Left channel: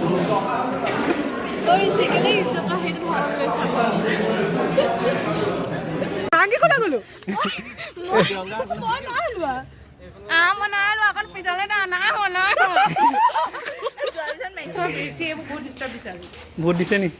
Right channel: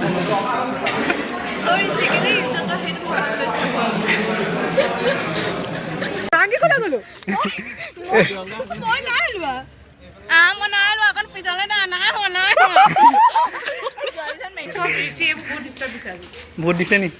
Nanti kau dah gulu. बहुत दिसे नहीं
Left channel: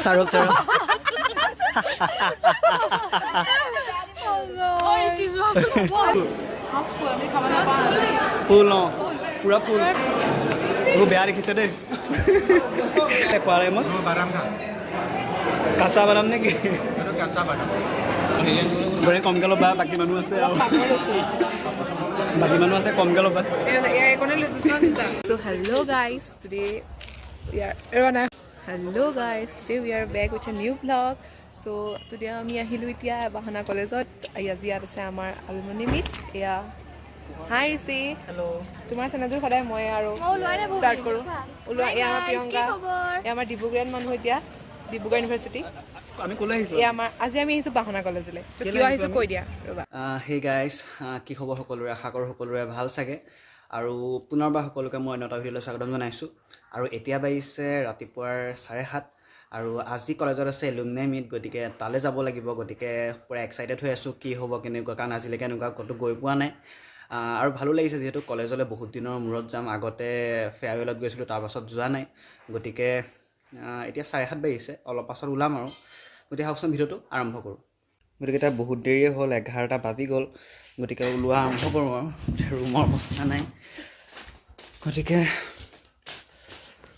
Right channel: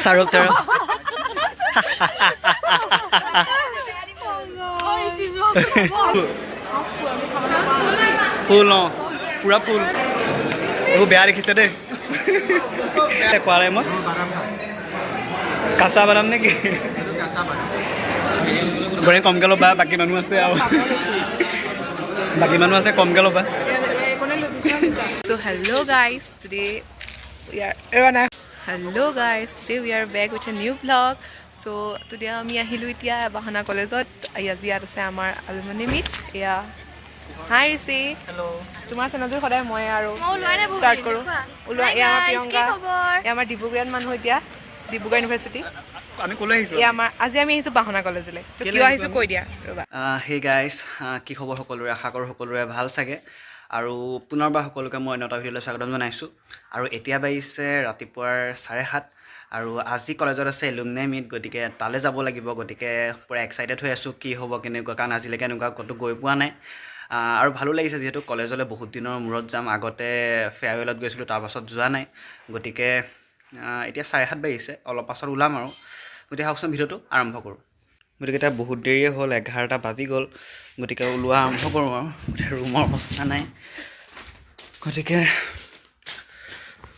Sarok terus. ফুল অঁ পুৰা ফুল এইবোৰ বেয়া দেখিছে দেই কোৱালে মই কাঁচা বাদাম নেকি গড়ে কমকৈ ল'বা বাকী মানুহ আছে আৰু বাকী মানুহ আছে কমকৈ ল'বা So hello guys, today we are back with a new vlog. So today আমি আহিলো এতিয়া বাহানা কলেজত আজি ইয়াত আছে আমাৰ alumni meet এয়া হাই ৰিসি হেল্ল' তোমাৰ চেনেলটো সদায় মই আৰু ষ্টাৰ্ট কৰোঁ ওলোৱা এয়া প্ৰিয়ংকা এয়া আমাৰ ডিব্ৰুগড়ত মানুহ এতিয়া ডিব্ৰুগড় ইউনিভাৰ্চিটি আমি ক'লৈ আহিছোঁ আজি আমি আহিছোঁ বাহানা কলেজলৈ তো কিয় আহিছোঁ কৈ দিয়া ৰ'বা হে গাইজ কি খবৰ সকলোৰে আশা কৰোঁ সকলোৰে ভাল চাগে আৰু পুনৰবাৰ সকলোকে মই অন্য এটা ভিডিঅ'লৈ স্বাগতম জনাইছোঁ আৰু এতিয়া বাজিছে ৰাতিপুৱাৰ 7:30 আৰু আজি কলেজত আছে এলুমনাই মিট গতিকে তালৈ যাব লাগিব গতিকে পুৰা এক্সাইটেড হৈ আছোঁ কি হ'ব কেনেকুৱা কাৰণ আজিলৈকে এনেকুৱা ক'তো গৈ পোৱা নাই আৰু ভালো লাগিছে যিহেতু কলেজলৈ বহুত দিনৰ মূৰত যাম আগতে ফেয়াৰৱেলত গৈছিলোঁ তাৰপাছত যোৱা নাই গতিকে এতিয়া 7:30 বাজিছে অলপ পাছত ওলাম আৰু গতিকে আহকচোন ভিডিঅ'টো আৰম্ভ কৰোঁ গতিকে এতিয়া বহুত দেৰিয়ে হ'ল 11টা বাজি গ'ল গতিকে ওলোৱা আৰম্ভ কৰোঁ আৰু ৰুমৰ অৱস্থা নাই গতিকে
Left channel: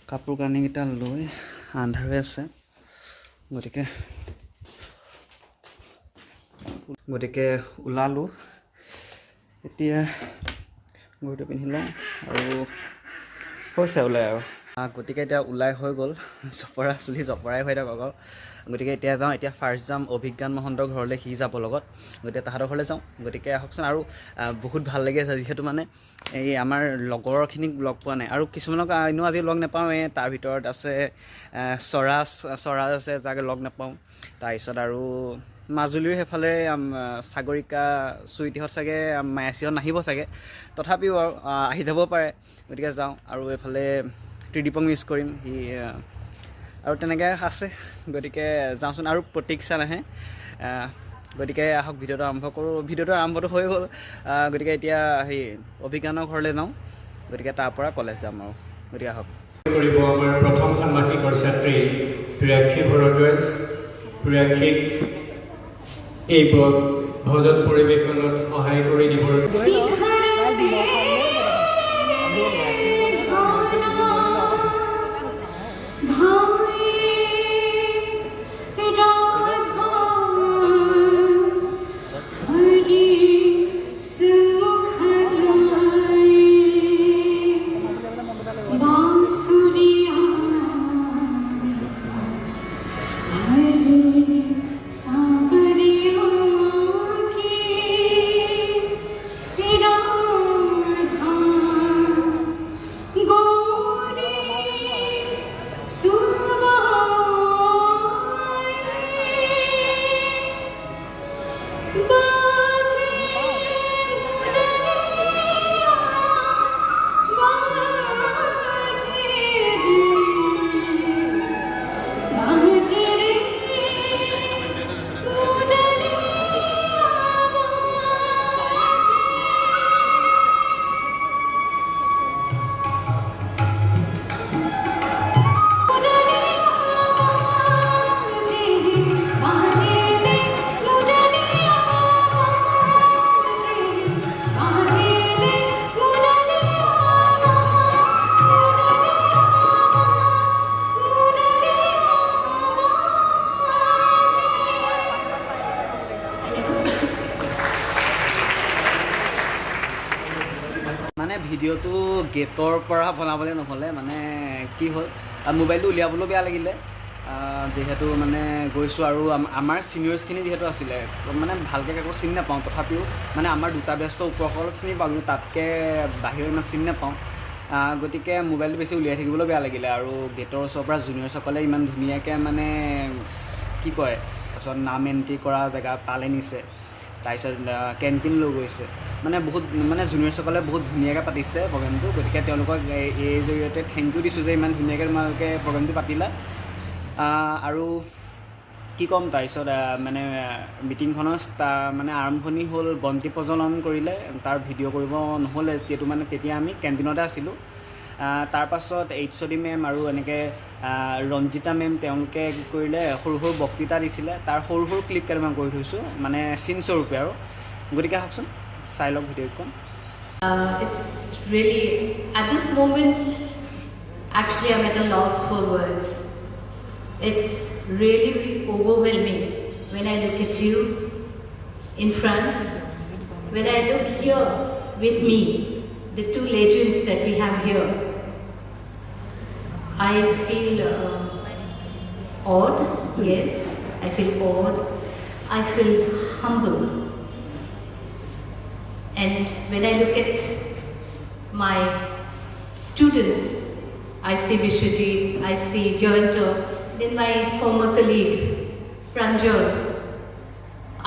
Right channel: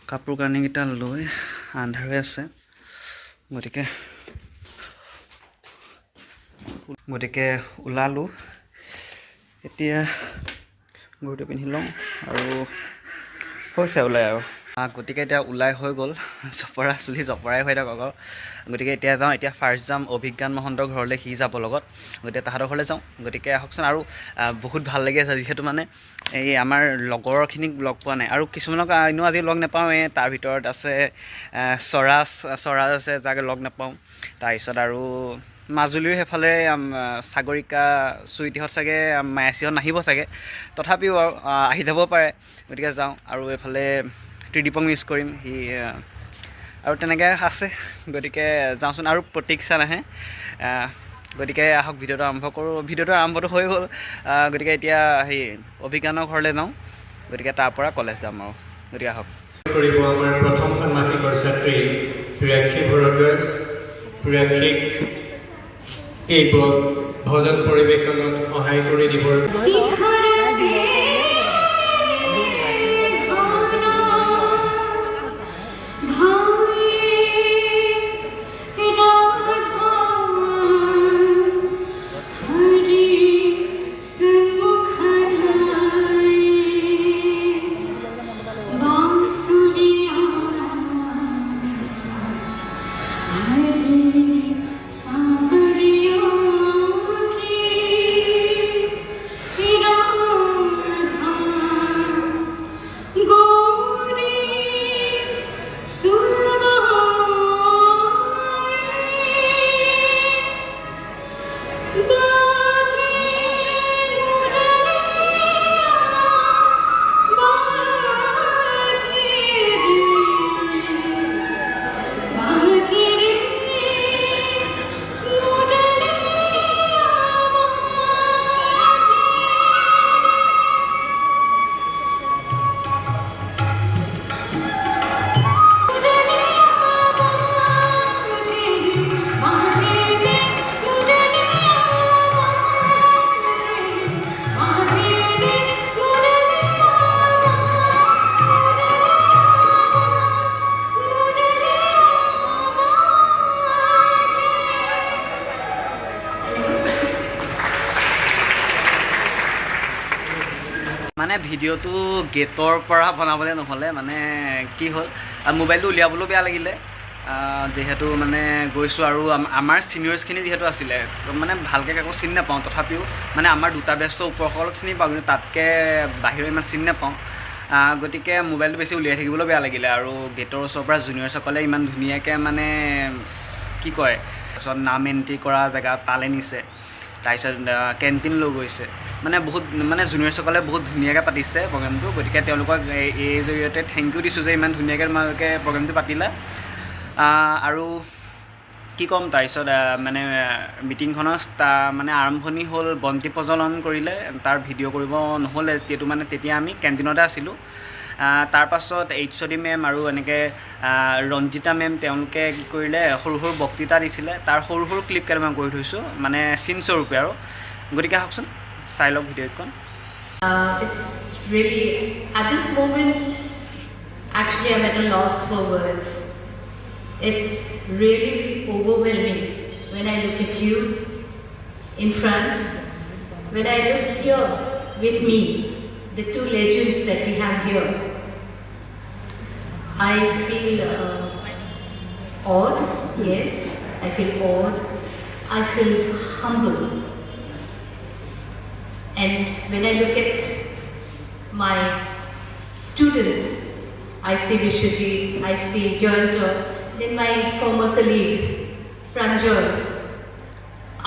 কাপোৰ কানিকেইটা লৈ আন্ধাৰ হৈ আছে গতিকে ওলালোঁ এতিয়া ঘৰটো পিন্ধি লওঁ আৰু হৈছে ওলাই আৰু গতিকে এতিয়া ওলাই হৈ গ'ল জপৰা চুলি জপৰাই হৈ থাকক আৰু গতিকে এতিয়া যাওঁ এতিয়া ফাৰ্ষ্ট যাম অভিজ্ঞান মহন্তৰ ঘৰলৈ সি যাব লগত গতিকে তাহাঁতৰ ঘৰলৈ যাওঁ গতিকে আহকচোন আৰু বহুত ভাল লাগি আছে যিহেতু মানে এই আমাৰ লগৰখিনিক লগ পোৱা নাই আৰু কিছুমানক এনেও আজি লগ নাপাওঁৱে তাৰ ভিতৰত আছে স্বৰাজ আছে যাক লগ নাপাওঁ তাৰপিছত আৰু মাজুলীৰ সেইফালে সাগৰিকা চুইটিহঁত চাগে মায়াচিহঁত নাহিব চাগে তথাপিও আৰু আহি যাব পাৰে গতিকে যাওঁ আৰু এইফালে ত্ৰিদীপক মিছ কৰিম সি আৰু তেনেকৈ আছে গতিকে যাওঁচোন আৰু প্ৰতীক্ষা নাহে গতিকে আহক ভিডিঅ'টো আৰম্ভ কৰোঁ ভিডিঅ'টো আৰম্ভটো হৈ গ'ল গতিকে এতিয়া সেই অভিজ্ঞানৰ ঘৰলৈ যাওঁ গতিকে তাৰ পৰা কলেজ যাম আৰু গতিকে আহক কৰিব আমাৰ প্ৰথম ষান্মাসিকৰ ছাত্ৰী প্ৰিয়াক্ষী ভৰদ্বাজ প্ৰিয়াক্ষীক এই ভজন পৰিৱেশনত সহায় কৰি দিবৰ মানে ভিডিঅ'টো গেটৰ পৰা বনাবলৈ নহ'লে মানে কি হ'ল মোবাইলটো উলিয়াবলৈও বেয়া লাগিলে যিহেতু মানে গৈছোঁ আৰু আমাৰ ছিনিয়ৰ্ছখিনি যিহেতু আছিলে মানে ভালকৈ কাকো চিনি নাপাওঁ তথাপিও মানে আমাৰ দুটা বেষ্ট ওপৰসকলক চিনি পাওঁ কিন্তু তাতকৈ বাহিৰৰ ইমান চিনি নাপাওঁ গতিকে মোবাইলটো বেছি উলিয়াই থাকিবলৈ বেয়া লাগিলে আৰু গেটৰ ওচৰৰ পৰা জুনিয়ৰসকলে ইমান ধুনীয়াকৈ মানে কি কয় তাৰপিছত নাম এণ্ট্ৰি কৰা জেগা তালৈ নিছে তাৰপিছত কেণ্টিন লৈ গৈছে মানে বহুত মানে জুনিয়ৰসকলে বহুত ধুনীয়াকৈ পাতিছে প্ৰগ্ৰেমটো গতিকে তেওঁলোকক এই জৰিয়তে থেংক ইউ দিছোঁ যে ইমান ধুনীয়াকৈ তোমালোকে প্ৰগ্ৰেমটো পাতিলা আৰু কি ক'ম তাৰপিছত মানে মিটিংখনৰ মানে আৰম্ভণি হ'ল বন্তি প্ৰজ্বলন কৰিলে তাৰ ভিডিঅ' কৰিব নহ'লে যিহেতু মানে তেতিয়া আমি কেণ্টিনতে আছিলোঁ তাৰপাছত HOD মেম আৰু এনেকৈ ৰঞ্জিতা মেম তেওঁলোকে কি কৰিলে সৰু সৰু বক্তৃতা দিছিলে তাৰ সৰু সৰু ক্লিপ কেইটামান কৰি থৈছোঁ মানে চিন স্বৰূপে আৰু গতিকে আহকচোন চাই লওক ভিডিঅ'খন It's really, at this moment, actually I'm at a loss for words. It's really overwhelming when I look at you in front, when I look here with me, the two legends that we have here. I feel awed, yes, I feel awed, I feel humble. And when I look at my students, I see Vishwajit, I see Jayanta, then my former colleague, Pranjal.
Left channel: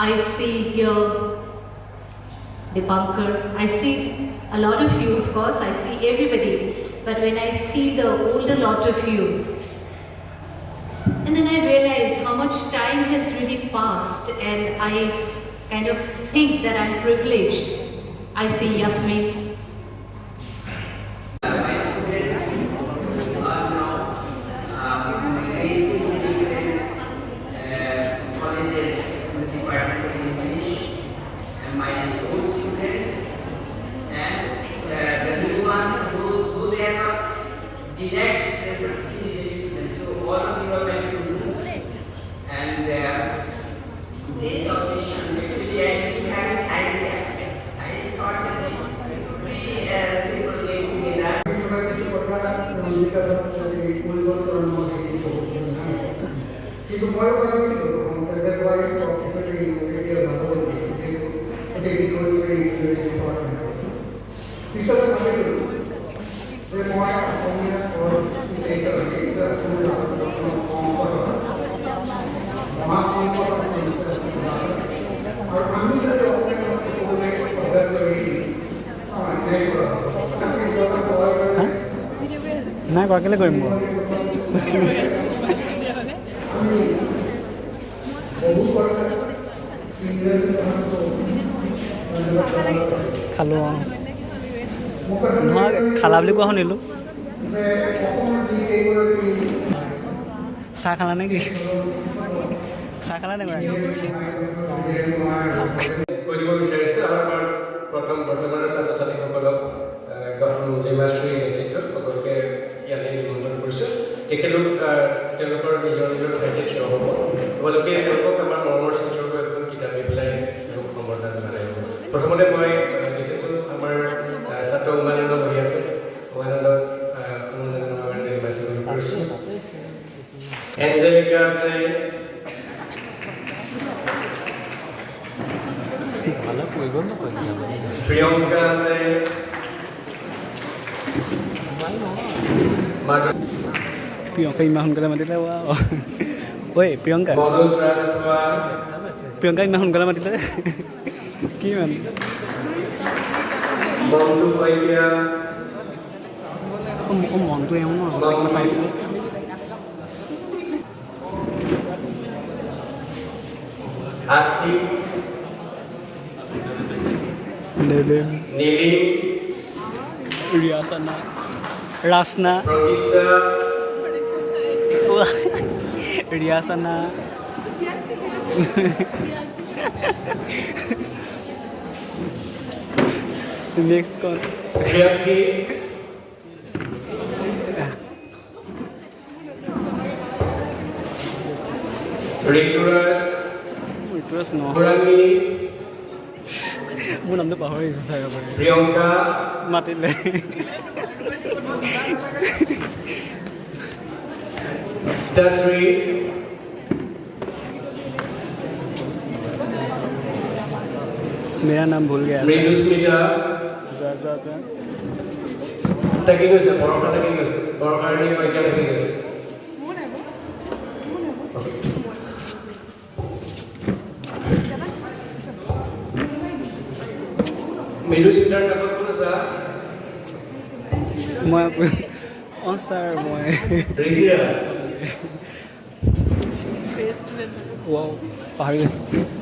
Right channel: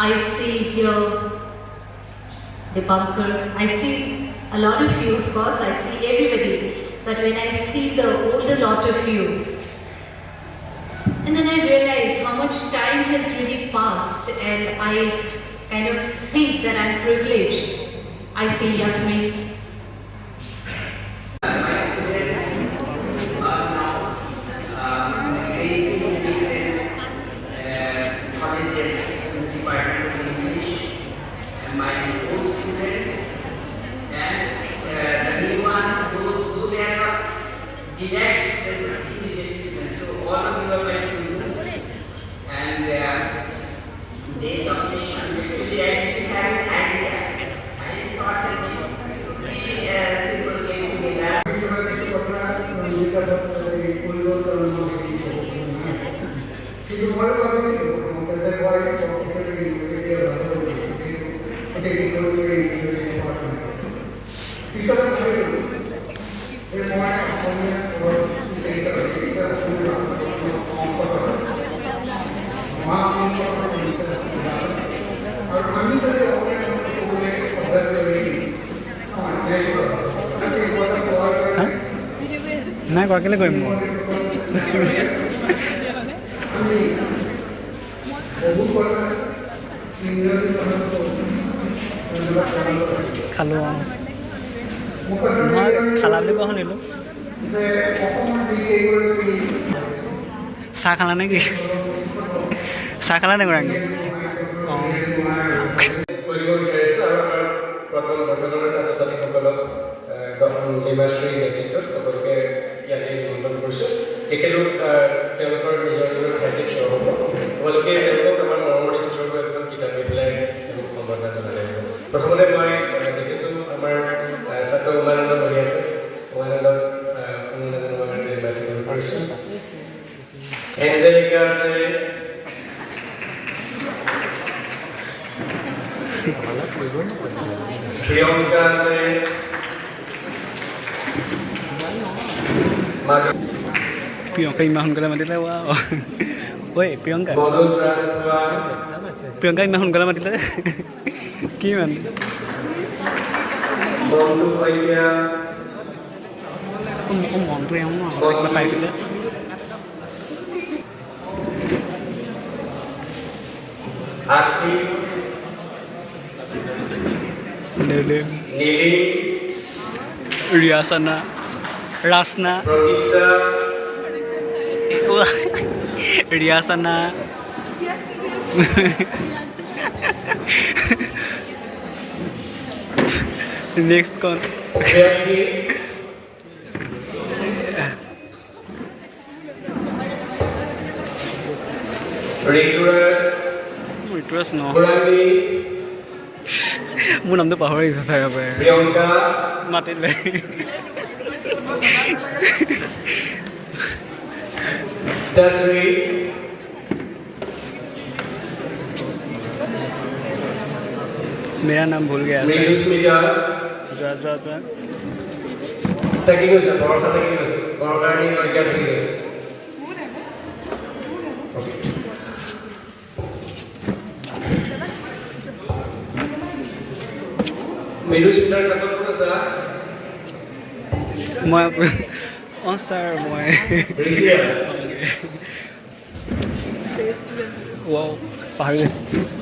I see here Dipankar. I see a lot of you, of course, I see everybody. But when I see the older lot of you, and then I realize how much time has really passed, and I kind of think that I'm privileged. I see Yasmin. নাই কৰা কেলৈ কৰিম মই খালোঁ অঁ নহয় খালা বুলি কোৱা শুনিলোঁ চাহ খালা নে কি চাহ খালা নে গৰাকী অঁ কৰিব বিচাৰিছোঁ আৰু আমাৰ প্ৰথম বৰ্তমানৰ ছাত্ৰ ছাত্ৰীসকলক নিৰ্বাচনী নেতৃত্বত সকলোকে ইয়াতে নিমন্ত্ৰণ কৰিছোঁ তেখেতলোক তেওঁলোকৰ নিজৰ নিজৰ ঠাইতে থিয় হ'ব তোমালোকে তেওঁলোকক আমাৰ মৰমৰ চিনস্বৰূপে এখন কিতাপ দি পেলাই তেওঁলোক সম্বৰ্ধনা জনালে প্ৰথমতে মই দেখিছোঁ আমাৰ ছাত্ৰ উমানন্দ বহি আছে উমানন্দক সম্বৰ্ধনা জনোৱাৰ বাবে নিৰ্বাচন কৰিছোঁ এঞ্জেলিকা আছে প্ৰিয়ংকা আছে প্ৰিয়ংকা ইমান সোনকালে মাতিলে ৱা ঐ প্ৰিয়ংকা প্ৰিয়ংকা ইমান সোনকালে মাতিলে কি মানে মোৰ মনটো এওঁ ন পাইছিলে নীলিম ৰিয়াসানা ৰাসনা ৰিয়াসানা নেক্সট কোন ঋতুৰাজ ন মোৰ নামটো পাহৰিছোঁ প্ৰিয়ংকা মাতিলে Dasri, मेरा नाम भूल गया Mridusmita, जा taking us, Boraka taking us, Boraka taking us. Okay. Mridusmita, katon ko sa মই অঁ ছাৰ মই Brazil. ৱাও পাহৰি গৈছোঁ